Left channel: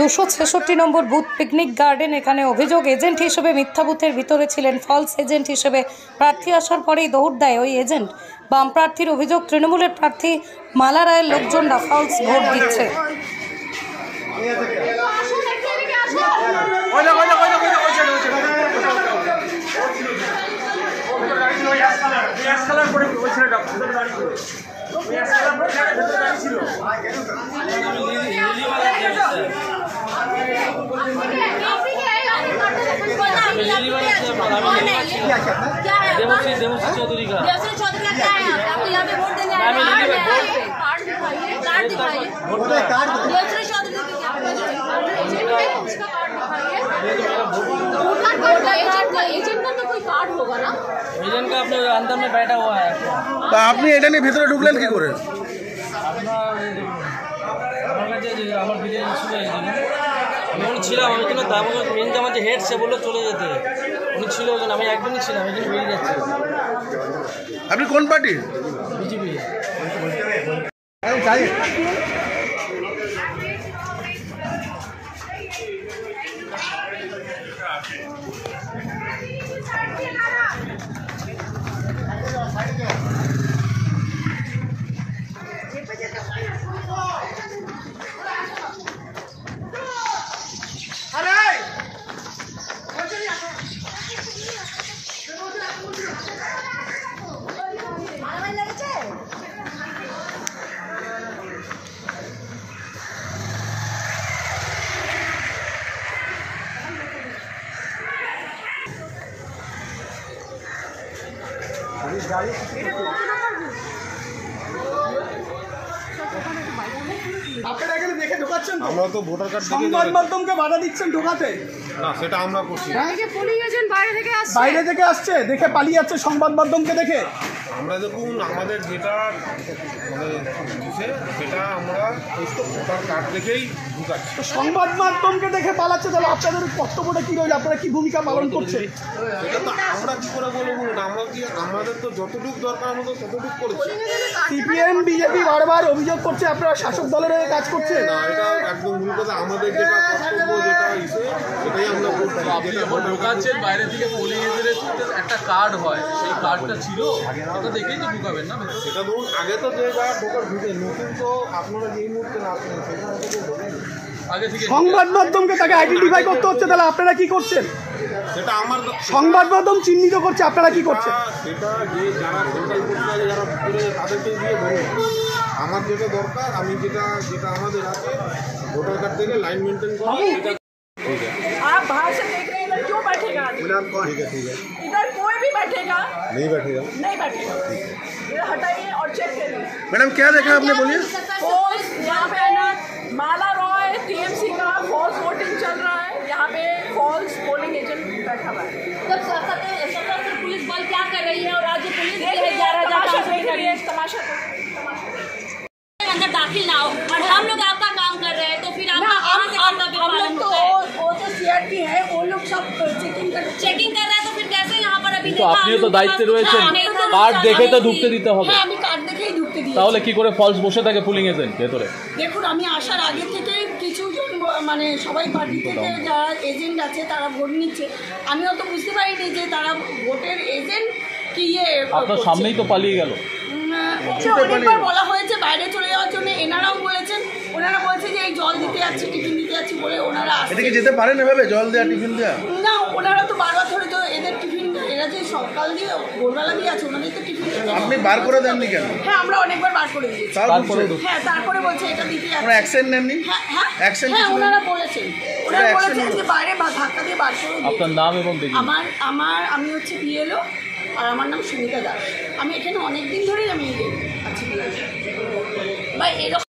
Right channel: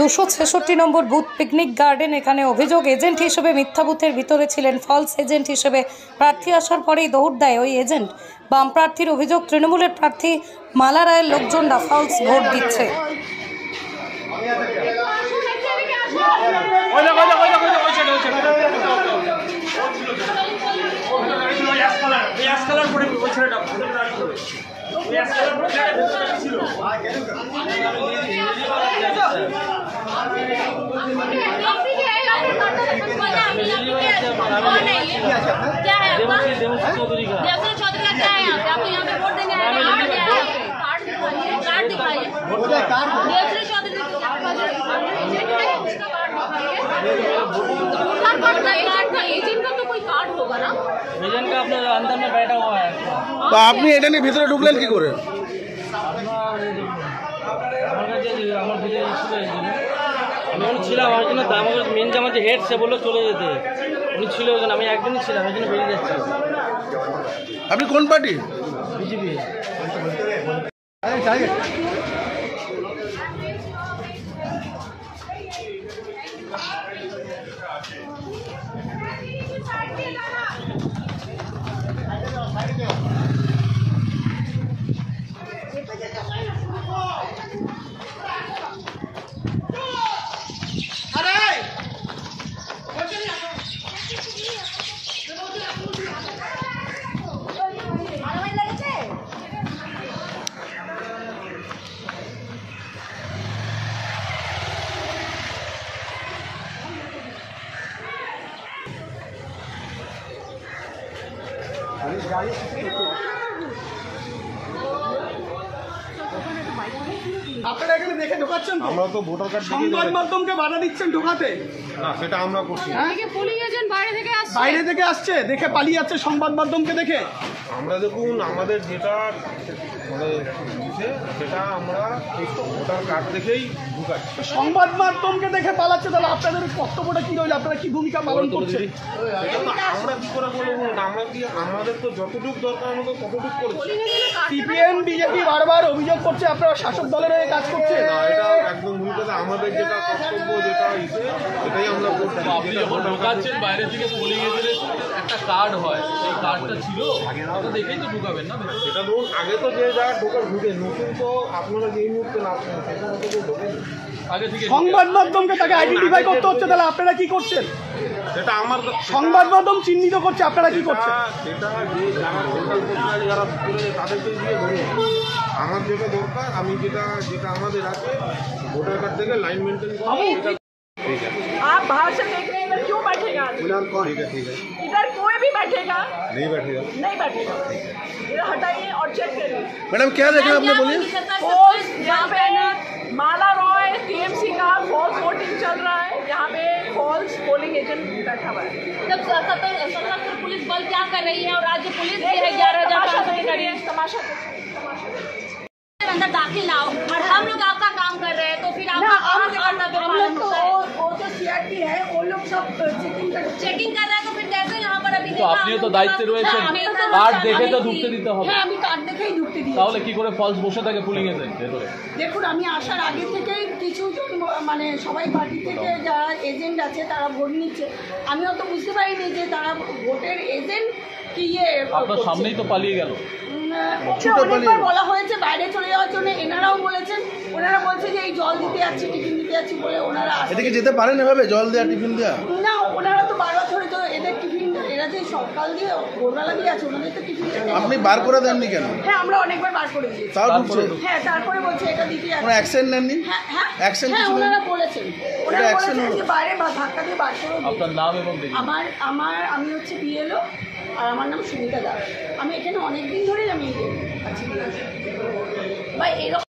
266 নম্বর booth picnic garden. এখানে অভিযোগ agent হিসেবে মিথ্যা বুথের ভিতরে ছিলেন। ফলস এজেন্ট হিসেবে প্রার্থী আসার পরেই দৌড় দেয় ওই এজেন্ট। বাম প্রার্থীর অভিযোগ, তৃণমূলের প্রার্থী মালা রায়ের লোকজনরা ফলস ভোট দিচ্ছে। चौधरी का एजेंट का अपने अंदर में बैठा हुआ है। तो आपने এটা নিয়ে ভিতরে ঢুকলেন কি করে? আমার কাছে আমার ভিতরে ছিল আমি ওখানে ছিলাম, ওখানে তো আমাকে মেন যে আমার যে হেড সে বললো চলে যেতে, উনি ছিল ওখানে, আমি একদিনই ছিলাম, এখানে বেরিয়ে যাচ্ছি। আপনি কোন পার্টি? বিজেপি। আপনারা এখানে দেখে ঢোকাচ্ছেন? আমরা তো ভোটার কার্ড দেখে সংবাদ মাধ্যমকে বাধা দিচ্ছেন ঢোকাতে? না, সেটা আমরা করছি। বাইরে থেকে আসছে, দেখে পালিয়ে যাচ্ছে সংবাদ মাধ্যমকে দেখে। আমরা দেখুন, আমাদের যেটা মানে দিছে সেটা আমরা ভোটার কার্ড দেখেই ঢুকাচ্ছি। সংবাদ মাধ্যমকে দেখে পালাচ্ছে, তাহলে আপনাদের কর্তব্যটা কি রইল? আপনারা কি ভূমিকা পালন করছেন? এটা তো আমরা কি করে বলবো? আমরা কি, আমাদের তো যতটুকু দরকার আমরা তো ততটুকু করেছি। সিপিএম বিজেপি বারবার অভিযোগ করছে আপনারা শাসক দলের হয়ে কাজ করছেন। না, এটা একদম ভুল কথা। আমাদের যেটা কর্তব্য, যেটা ইসে, সেটাই আমরা করছি। যেটা ভোটার কার্ড বাইরে থেকে পুলিং এজেন্টের একটা কার্ড হয়, সেই কার্ডটা ছিল, ওটা দেখেই তো ঢুকাবেন না। সেটা ধরুন, আগে তো যে যা ঢোকার ঢুকে, নতুন তো আপনারা যেই মুহূর্তে না আসবেন সেটা মতো কেউ ঢোকেন। আগে থেকে সংবাদ মাধ্যমকে তাকে আইডেন্টিফাই করতে হচ্ছে, তাহলে আপনারা কি করছেন? সেটা আমার সংবাদ মাধ্যম চিহ্নিত করছে, আপনারা কি করছেন? সেটা যে যারা সেন্ট্রাল পোস্টাল যারা ভিতরে তাদেরকে দিয়ে বলুন। আমার যেটা দরকার, আমি যেটা আমাদের আছে ভোটার কার্ড থেকে লাइन मेंटेन करो। आप बाहर से देख रहे हैं, इधर क्यों बैठेगा? ठीक है। इधर कोई भी बैठेगा नहीं बैठेगा। इधर हटाइए और चेक करिए। मैडम क्या देखा आपने, बोलिए। फॉल्स यहाँ पे माला रॉय टीएमसी का फॉल्स वोटिंग चल रहा है, यहाँ पे फॉल्स पोलिंग एजेंट बैठा हुआ है। सशस्त्र पुलिस बल क्या कर रही है और राज्य पुलिस भी है 11,000 तमाशा अंदर दाखिल ना हो और हम लोग आपका काम कर रहे हैं, तो फिर आप हम लोग तो वो जो सीआरपी है वो लोग सब चेकिंग कर रहे हैं, तो फिर कैसे यहाँ पर अभी তো আপনিও তো দায়িত্বে রয়েছেন, কার্ড দেখে তো ঢুকতে দিতে হবে। হ্যাঁ, আমি কার্ড দেখেই ঢুকতে দিই। তাহলে কি করে ফলস বসে থাকে পুলিং এজেন্ট ভেতরে? দেখুন, আমি আসার আগে থেকেই কিছুজন মানে সবাই পার্টি থেকে যারা এজেন্ট আছে তারা ভোট নিচ্ছে। আমি অত বুঝতে পারিনি যে তারা ভোটের এজেন্ট কি আপনার সামনেই তো পালিয়ে গেল। ওকে অনেকবার বলা হয়েছে বাইরে চলে যাওয়ার জন্য, এনারাও বলেছেন। ওনারা বলছে যে এই জল দিতে যাচ্ছি, টিফিন দিতে যাচ্ছি বলে ওনারা এটা কি যেতে পারেন এভাবে জল দেওয়া, টিফিন দেওয়া? না, ওনারা তো বারবার ধরে তো এদের টিফিন, এরা যে সকাল দিয়ে ভোরবেলা দিয়ে আছে, ওনাদের তো টিফিন। আপনি বার করে দেননি কেন? হ্যাঁ, আমরা অনেকবার বার করে দিয়েছি। তাও ঢুকছে? হ্যাঁ, তারপরে বলছে এটা দিতে কোনো যাচ্ছে। অ্যাকশন নেননি? হ্যাঁ, ওনারা বলেছেন যে বাইরে ধাক্কা দিয়ে বার করে দিয়েছে। আপনার নাম এবং দেখি। আমি হচ্ছে বিএলও, আর আমার নাম সুমিতা দাস। আমি এখানে অনেক দিন ধরেই আমি আছি বা এরকম